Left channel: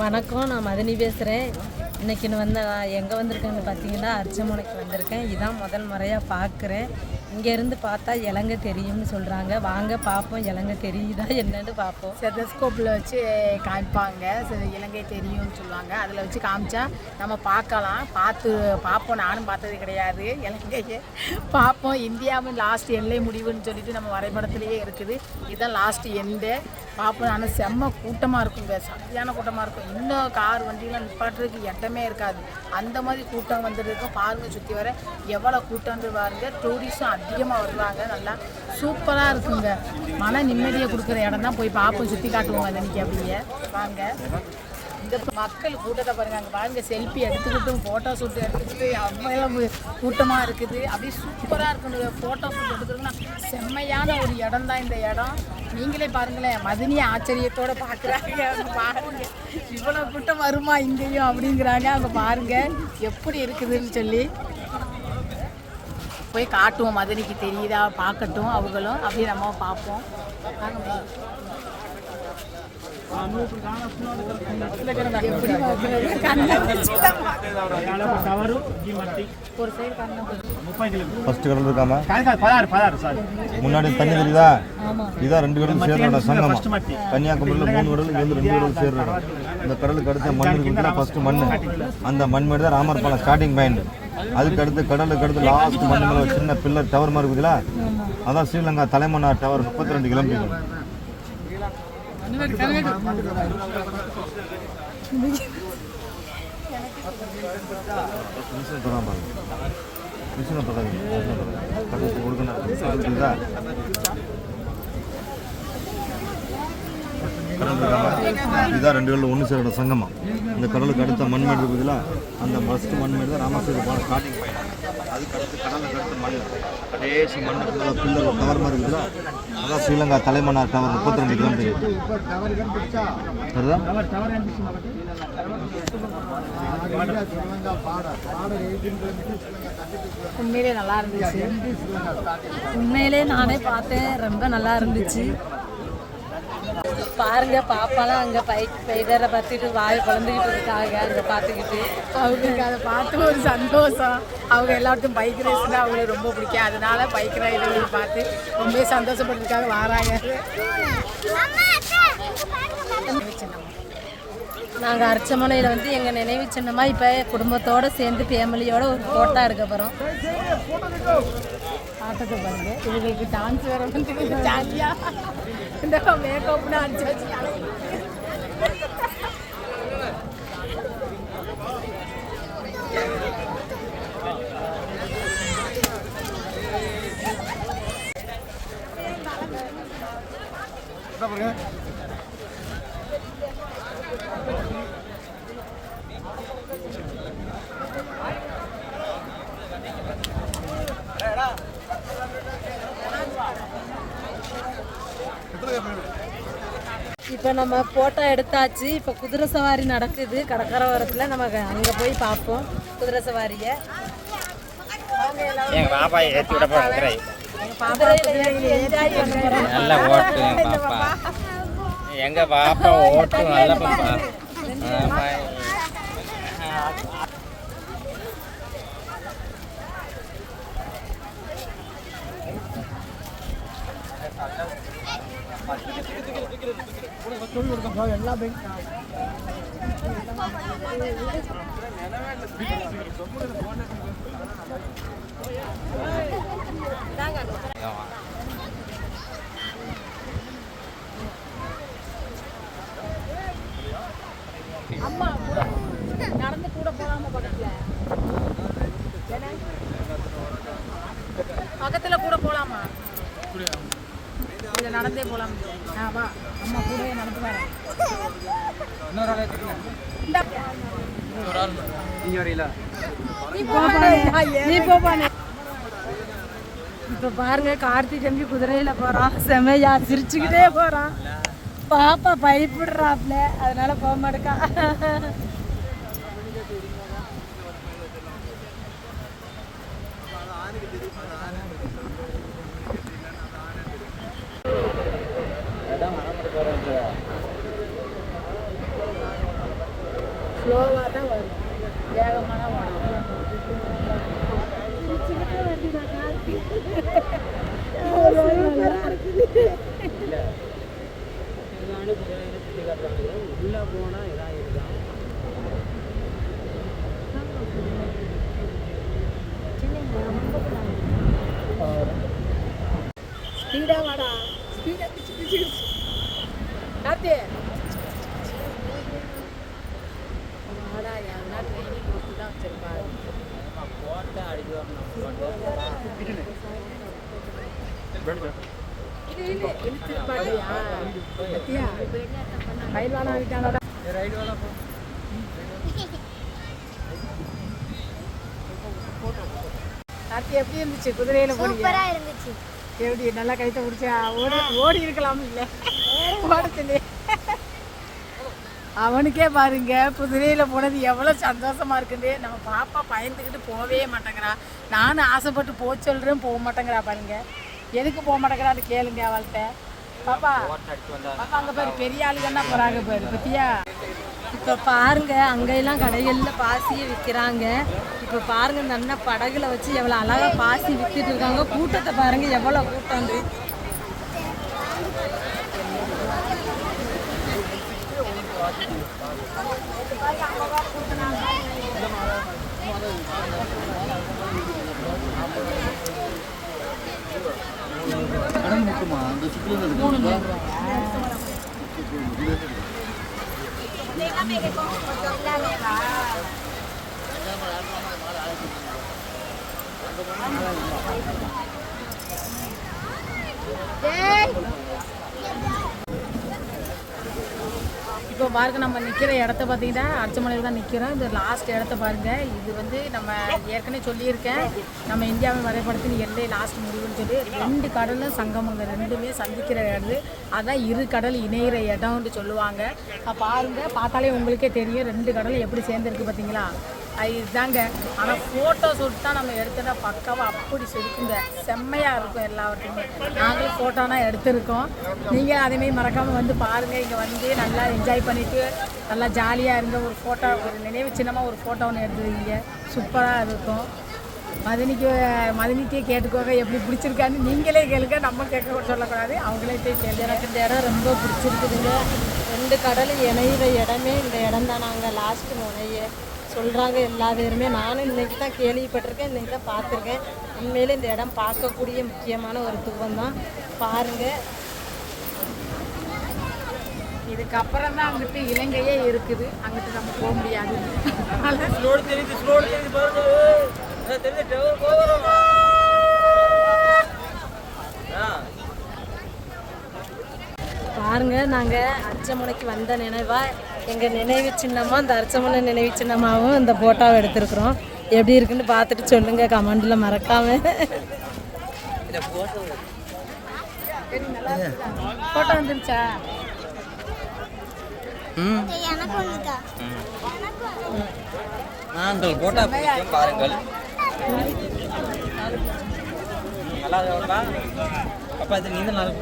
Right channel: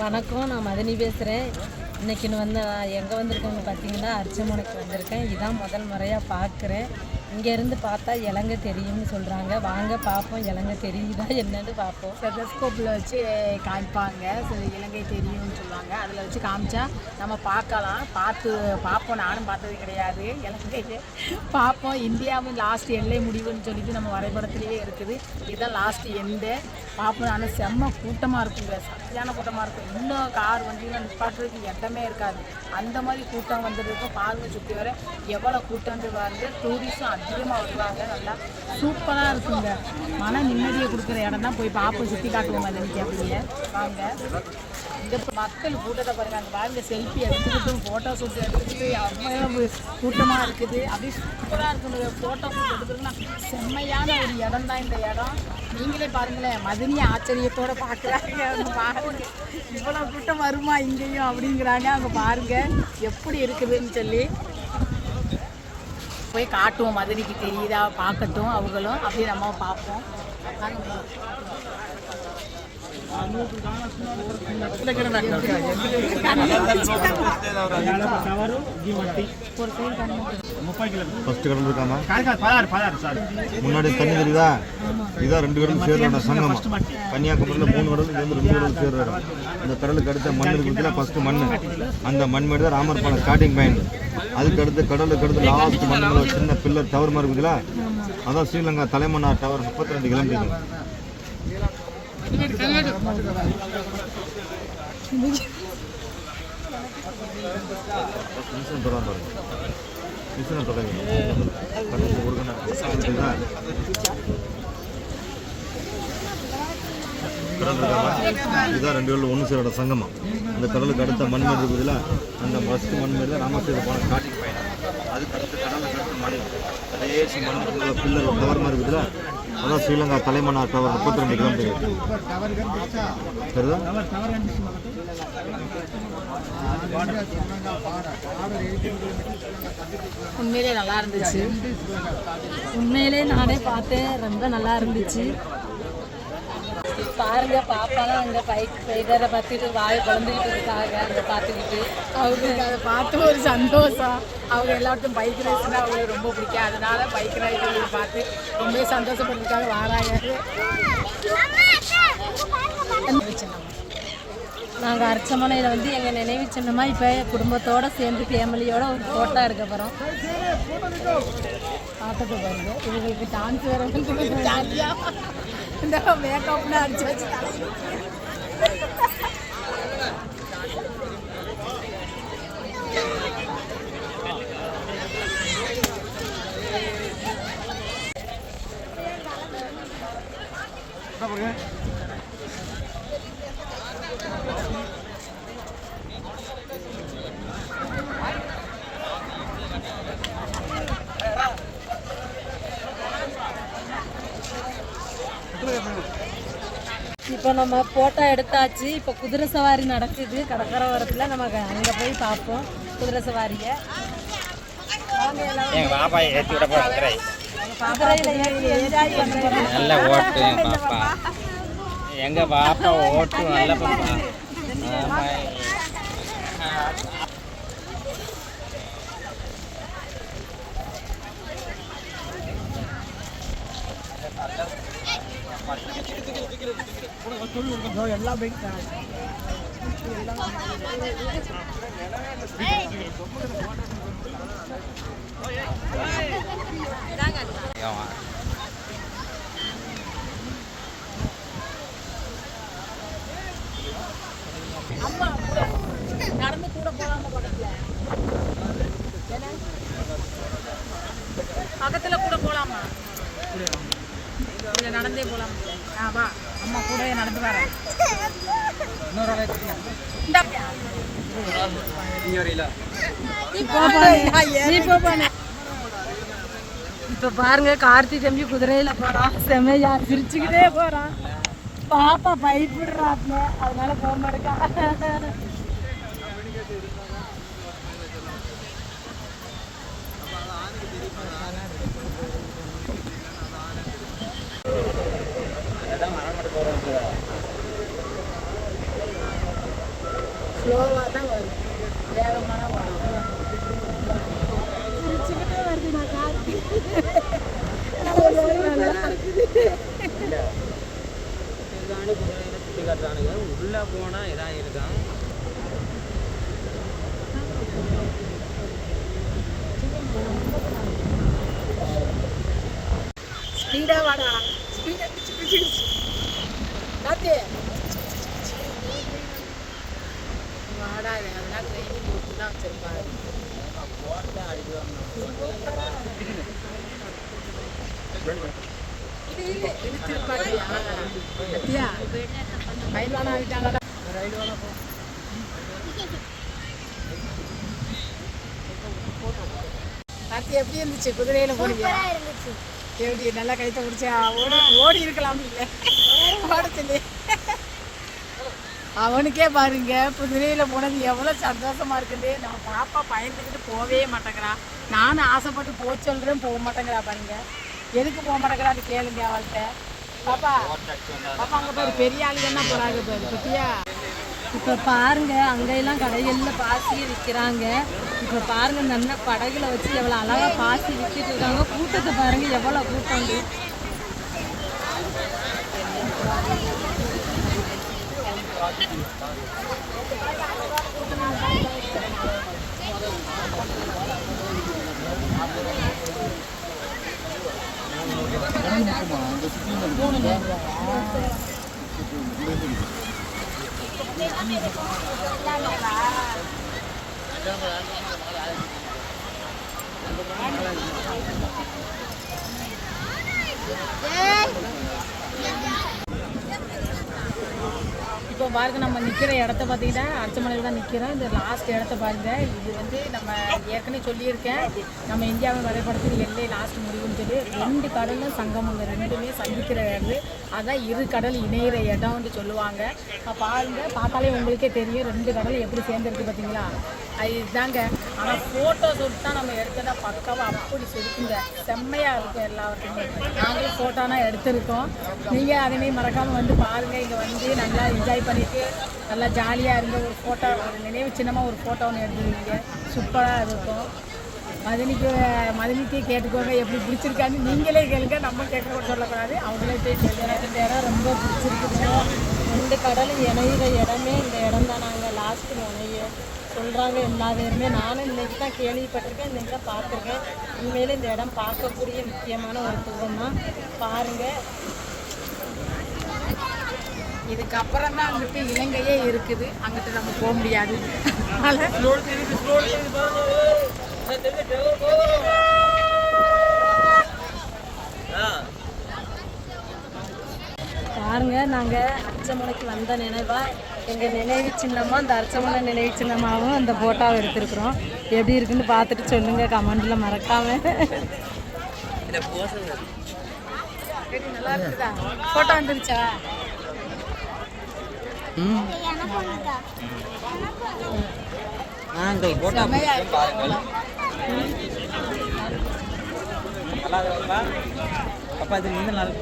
வணக்கம், நான் மதனி பேசுகிறேன். இன்றைக்கி நான் எங்கே வந்திருக்கேன்னு பார்த்தீங்கன்னா அர்ச்சமனைக்கு வந்திருக்கேன். இதான் முதல் முறையாக பார்க்குறேன். இங்கேருந்து பார்த்தா இலங்கை தெரியும்னு சொல்கிறாங்க. வாங்க பார்ப்போம், இலங்கை தெரியுதா என்னன்னு பார்ப்போம். ஸ்டெத்தஸ்கோப்பில் வச்சு காமிப்பாங்க, இலங்கை தெரியும்னு சொல்லுவாங்க. அதில் வச்சு காமிச்சா நம்ம பார்ப்போம். நானும் பார்த்தது கிடையாது, இலங்கையே பார்ப்போம். இந்தியாவின் லாஸ்ட் எல்லை முடிவுன்னு சொல்லிட்டு நம்ம வரைபடத்துலேயே இருக்குது. இதுதான் லாஸ்ட் எண்டு பார்ப்போம். ஆனால் செம்ம கூட்டமாக இருக்குங்க, சரியான கூட்டமாக இருக்கும். இன்னும் கார் வண்டியில் நிப்பாட்டுறதுக்கு இடமே இருக்காது, அந்த மாதிரி கூட்டம் வந்துருக்கு. பாருங்க, சுற்றி வர எவ்வளோ கூட்டம்னு பாருங்க. டூரிஸ்டும் அதிகமாக வருவாங்க. நல்லா சூப்பராக இருக்குங்க. மன நிம்மதியை கொடுக்குற இடம் தான். போய் பார்ப்போம், சுற்றி காட்டுவோம். அது இன்றைக்கி அப்படியே வாங்க. இந்த மக்கள் கூட்டத்தை பாருங்கள். அங்கே பாருங்க, செல்ஃபி எடுத்துக்கிட்டும் ஃபோட்டோ ஷூட் எடுத்துக்கிட்டு அவ்வளோ கூட்டமாக இருக்குது. அப்படியே சூப்பராக இருக்குது. ஃபோட்டோ ஷூட் எடுக்கிறதுனா செம்மையான ஒரு இடம் தான் இந்த இடம். நீங்களே பாருங்களேன், மதினியை ஆச்சரியத்தோடு பார்க்குறாங்க. அவங்க பாருங்க, இவ்வளோ கூட்டம் வருமா இங்கேயும் அப்படிங்கிறாங்க. அவங்க பாருங்கள் எப்படி இருக்குதுன்னு சொல்லி. போய் காட்டுவோம், மதனிக்கு தெரியுதா பார்க்கட்டும் அவங்களும். அப்படியே நம்ம பார்ப்போம். முன்னாடி தண்ணி தெரியுதா? இதான் 2 கடலும் சேர்ற சங்கமம். கன்னியாகுமரியில் 3 கடல், 2 கடல் சேர்ற இடம். இந்த கடலுக்கு அடுத்த மண் இருக்குதுன்னா ஃபர்ஸ்ட் மண். அந்த மண்மேடு தான் ராமர் பாலம் ஸ்டார்டிங் பாயிண்ட். அதுக்கு அடுத்து கடலுக்கு அடுத்து லாஸ்ட் மண்ணுங்கள சின்ன பில்லர் டவர் மாதிரி இருக்குதுங்களா, அதான் ஸ்ரீலங்கா தலைமன்னார் டவர். 32 கிலோமீட்டர். இதான் 2 கடல் ஒன்று சேரோட சங்கமம். இந்த கடலுக்கு அடுத்த மண்மேடு இருக்குதுல, அந்த ஃபர்ஸ்ட் மண்மேடு தான் ராமேஸ்வரம் போன ஸ்டார்டிங் பாயிண்ட். அதுக்கு அடுத்து கடலுக்கு அடுத்து மண் கடைசி மண்ணு பில்லர் டவர் மாதிரி இருக்குதுல, அதான் ஸ்ரீலங்கா தலைமன்னார் டவர். 32 கிலோமீட்டர். உண்மையிலே நல்லா இருந்துச்சு. உண்மையிலே நானே பார்த்தேன், ரொம்ப நல்லா இருந்துச்சு. பாருங்க, பாப்பாலாம் அங்கே பைடரை பார்த்துட்டு வாய் குழந்தைகிட்டு இருக்காங்க. அங்கே பார்த்துக்கிட்டு அவங்களுக்கு அதை பார்த்து ஒரு சந்தோஷம். அவங்க எல்லாருக்கும் பைக் ரேஸ்னால் அவங்களுக்கு ரொம்ப பிடிக்கும். அதனால பைக் ரைடர்கள் பார்த்து ரொம்ப சந்தோஷப்பட்டுருக்காங்க, வராங்க. நாங்கள் அர்ச்சமனையில் எங்கள் நினைவு சின்னமாக இப்போ குடும்பத்தோடு சேர்ந்து ஃபேமிலியோட ஒரு ஃபோட்டோ எடுக்க போகிறோம். ஆட்டத்தை பாருங்க, இவங்களுக்கு டான்ஸ் வேற ஜாலியாக இந்த மேக்கப்னு அடிச்சு வச்சுட்டாங்க. இப்போ நம்ம ஃபோட்டோ எடுத்தாச்சு. இப்போ குதிரை சவாரி நடக்குது கடற்கரை ஓரத்தில். நம்ம அங்கே போய் பார்ப்போம் குதிரை சவாரியை. எங்கள் பாப்பா ஏற்றி விட போகிற நல்லா ஓட்டும் பாப்பா. எங்கள் பாப்பா ஓட்டும் நல்ல பாப்பா. எல்லாம் பைக் அம்மா நடந்து கூட போகலாம். பக்கத்தில் கூட போகலாமா? நடந்தே போகலாம். வா, அம்மா கூட நடந்து வரேன். இப்போ பாருங்க, கார்த்தி தம்பி குதிரையில் போகிறான். செமையா சிரிச்சுக்கிட்டே போகிறான். பாப்பா பயப்படுறாப்ல, அதனால போக மாட்டேக்கா. ஸ்லோவாக தான் வரும், வேகமாக தான் வரும். உள்ள போனா இதான் இருக்கான். ஸ்பீடாக வாடா, ஸ்பீடாக காத்து வாடா, எதனா ட்ரெயினிங் போட்டு தான் வச்சிருப்பாரு. கார்த்தி எப்படி இருந்துச்சு? குதிரையில போனீங்க? எப்படி நல்லா கைத்த முடிச்சா? ஓடி இருக்கலாம் இல்லை ஓடத்துல. அவனுக்கே பாருங்க குதிரையில போனது எவ்வளோ சந்தோஷமா இருக்குது. நம்ம பாப்பா பயந்துக்கிட்டு போகவே மாட்டேங்கிறான். நானும் ஆசைப்பட்டு போக சொல்கிறேன், போக மாட்டேங்கிறா பாருங்க. எதுக்கு போக மாட்டேங்கிறான்னு கேளுங்க அவள்கிட்ட. பாப்பா பாப்பா அங்கே பாரு, பெரிய ஆளுங்க தான் போகிறாங்க பாரு, பத்தியா? இப்போ பாருங்க அங்கெல்லாம் கடைகளில் பாசியை விற்கிறாங்க. இப்போ பாருங்க இந்த அண்ணன் படகுல வச்சு எவ்வளோ அழகாக பாசி விற்கிட்டு இருக்காங்க. கூட்டத்தை பாருங்க எவ்வளோ கூட்டம் வந்து. இப்போ பாருங்க நம்ம நிற்கிற இடத்த பார்த்தீங்கன்னா அர்ச்சமலையில் தான் நிற்கிறோம். இந்த லாஸ்ட் இடத்த பாருங்கள். இது வந்து நம்ம ஏற்கனவே சொல்லியிருக்கேன், நம்ம இந்தியாவின் வரைபடத்தில் எல்லை லாஸ்ட் முடிவுன்னு சொல்லி 2 கடலும் சங்கமங்க, ரெண்டுமே சந்திக்கிற இடம். அதான் இரு கடல் இணையிற இடம்னு சொல்லுவாங்க. பாருங்கள், பார்த்தாலே உங்களுக்கே தெரியும் 2 கடலும் எப்படி சேர்ந்துருக்கு பார்த்தீங்களா? இதுதாங்க. ஆனால் ஃபோட்டோ ஷூட் தான் நம்ம எடுத்தோன்னா பக்காவாக அப்படி இருக்குங்க, செம்மையாக இருக்கும் எல்லாவற்றையுமே. நாங்களும் ஃபோட்டோனா எடுத்திருக்கோம். நீங்கள் அதேமாரி மறக்காமல் வந்து பாருங்கள். இங்கே வந்து நல்லா என்ஜாய் பண்ணிவிட்டு நல்லா ஜாலியாக இருங்க. ஒரு ஃபோட்டோ, ஒரு நினைவு சின்னமாக ஒரு ஃபோட்டோ ஒன்று எடுத்துருக்கீங்க, சூப்பராக இருக்கும். மதினிக்கே கேட்டுக்கோங்க எப்படி பிடிச்சிருக்கான்னு. நீங்களே கேளுங்க, நம்ம கேட்க சொல்லக்கூடாது, அவங்களே போய் கேளுங்க. எனக்கு இந்த இடம் ரொம்ப பிடிச்சிருக்குதுங்க. 2 கடலும் இணையிற இடமே இந்த இடம் தான். நாங்கள் லாஸ்ட்டு முனைய சொல்கிறாங்க எல்லா பேருமே. நானும் இன்றைக்கி தான் கேள்விப்பட்டிருக்கேன், இன்றைக்கி தான் பார்த்துருக்கேன். உண்மையிலே இந்த இடம் பார்க்கக்கூடிய முக்கியமான ஒரு துவம் தான். பாருங்கள், இதுக்கப்புறம் தான் அங்கிட்டு இலங்கையே இருக்குது, அங்கிட்டு நம்ம போக முடியாது. பாருங்க நாங்கள் அர்ச்சமனைக்கு வந்த நினைவாக எங்கள் நினைவு சின்னமாக இந்த அர்ச்சமனை நினைவு சின்னமாகவும் இந்த ஃபோட்டோவை எடுத்துருக்குறோம். எப்படி இருக்குன்னு பார்த்துட்டு சொல்லுங்கள் கமெண்டில் மறக்காமல். நல்லா இருக்குதா? ஃபோட்டோ வந்துருச்சா? போட்டா பாருங்கள். நல்லா இருக்கா அப்போ? அது நீங்க நல்லா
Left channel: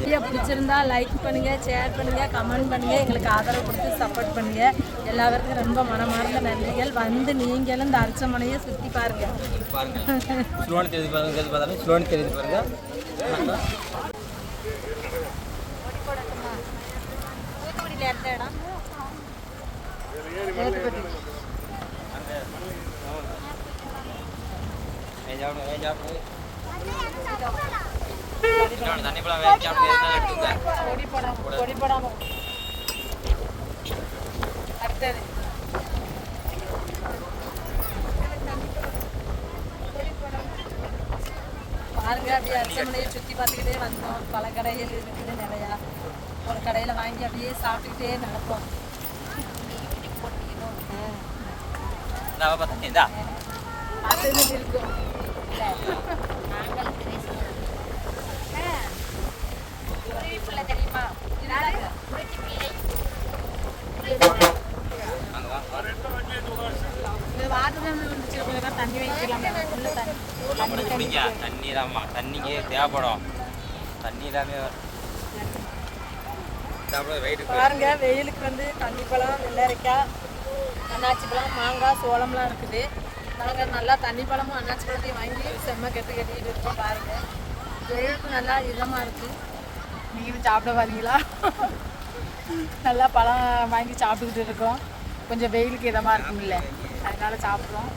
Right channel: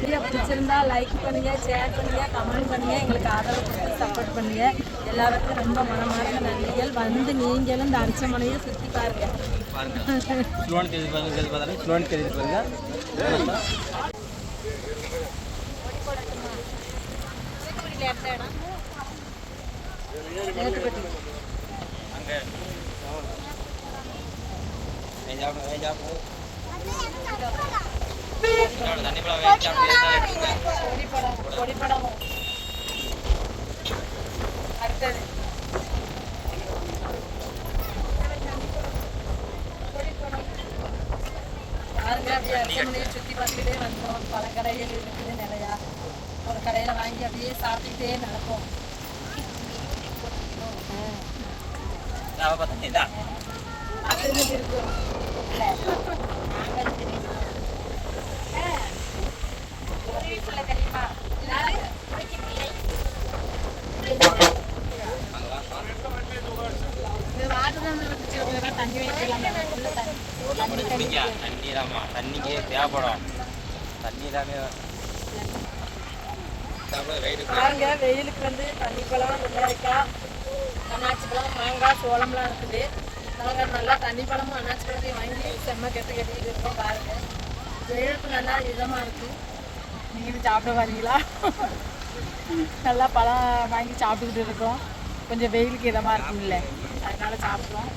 வீடியோ பிடிச்சிருந்தா லைக் பண்ணுங்கள், ஷேர் பண்ணுங்கள், கமெண்ட் பண்ணுங்கள், எங்களுக்கு ஆதரவு கொடுத்து சப்போர்ட் பண்ணுங்கள். எல்லாருக்கும் ரொம்ப மனமார்ந்த நன்றிகள். வந்து நீங்களும் இந்த அர்ச்சமனையை சுற்றி பாருங்கள். ஸ்லோன் தெரிஞ்சு பாருங்க, ஸ்லோன் தெரிஞ்சு பாருங்க. அடுத்தது பாருங்க, அப்படியே அர்ச்சமனையை சுற்றி பார்த்துக்கிட்டே வந்தோம். பல கடைகள் இருக்குது நிறையா. ஒரு கடையில் வாங்கி அப்படியே சாப்பிட்டுட்டே நடப்போம். அது இருக்கும். தண்ணி வைக்கலாம், தண்ணி தாம்மா, தண்ணிக்கு தேவைப்படும். தண்ணி எல்லாமே பாருங்க வெயிலுக்கு வந்து தண்ணி பழம், வெள்ளரிக்காய், அன்னாச்சி பழம், மாங்காய், சோளம்லாம் இருக்குது. நாங்கள் நல்லா தண்ணி பழமும் அன்னாச்சி பழத்தையும் வாங்கி செம்ம கட்டிட்டு இருக்கோம். பாருங்க வெயிலுக்கு நல்லா இதமாக இருக்குது. நீங்களும் சாப்பிட வரீங்களா? நல்லா பழம் வாங்கி சாப்பிட்டுக்கிட்டு இருக்கோம். கொஞ்சம் வெயிலுக்கு இதமாக இருக்கும்ல, அதனால சாப்பிட்றோம்.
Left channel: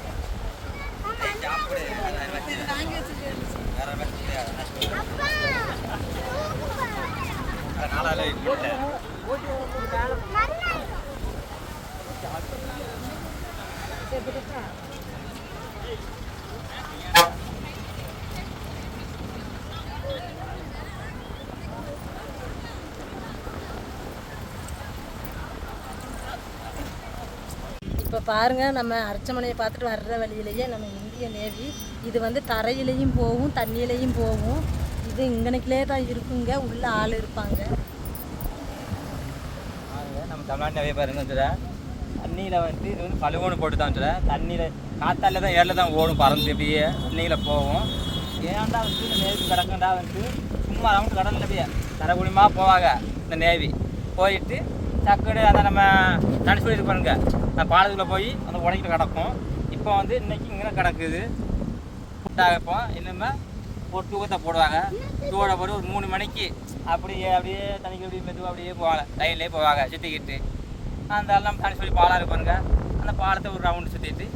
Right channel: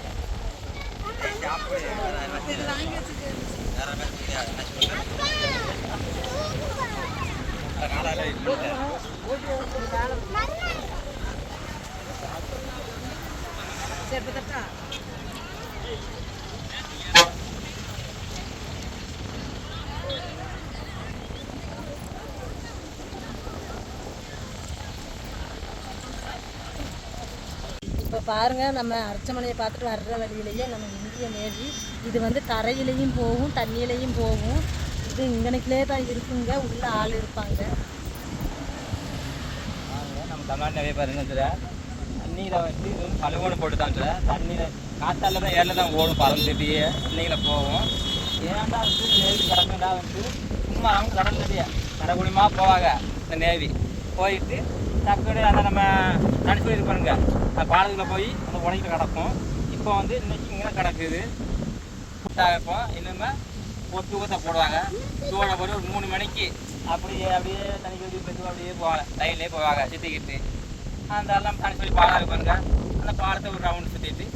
இப்போ பாருங்கள், நம்ம அர்ச்சமனையை பார்த்துட்டு வர்ற வழியிலேயே நம்ம இந்திய நேவி இது வந்து தரையிலையும் போகும், தண்ணியிலையும் போகும். இது இங்கனக்கிலே தான் இருக்குங்க, உள்ள ஆள் இருப்பாங்க. நம்ம தமிழ்நாட்டில் பாருங்க சார், தண்ணியில் வந்து பழுவோடு போட்டு தான் சார், தண்ணியில் காத்தால தான் ஏரில் தான் ஓடும், பறந்து அப்படியே தண்ணியில் போகும். ஏன்டா வந்து இந்த நேவி கிடக்குண்டா வந்து சும்மா அவங்க கடல் நதியை கரகுடியமாக போவாங்க. இந்த நேவி போயிட்டு டக்குனு அதை நம்ம நினச்சி போயிருப்பாருங்க, பாலத்தில் போய் அந்த உடைக்கிட்டு கிடக்கும். இப்போ வந்து இன்னைக்கு இங்கே கிடக்குது. இப்போ இன்னுமே ஒரு தூக்கத்தை போடுவாங்க. தூட போய் ஒரு 3 மணிக்கு அப்படியே தண்ணிக்கு அப்படியே மெதுவாக அப்படியே போவாங்க, லைன்லேயே போவாங்க சுற்றிக்கிட்டு. அந்த எல்லாம் தனி சொல்லி பாலம் இருப்பாருங்க, அந்த பாலத்தை ஒரு ரவுண்டு சுற்றிட்டு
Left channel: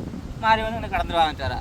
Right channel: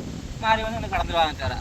மாறி வந்து இங்கே கடந்துருவாங்க சார்.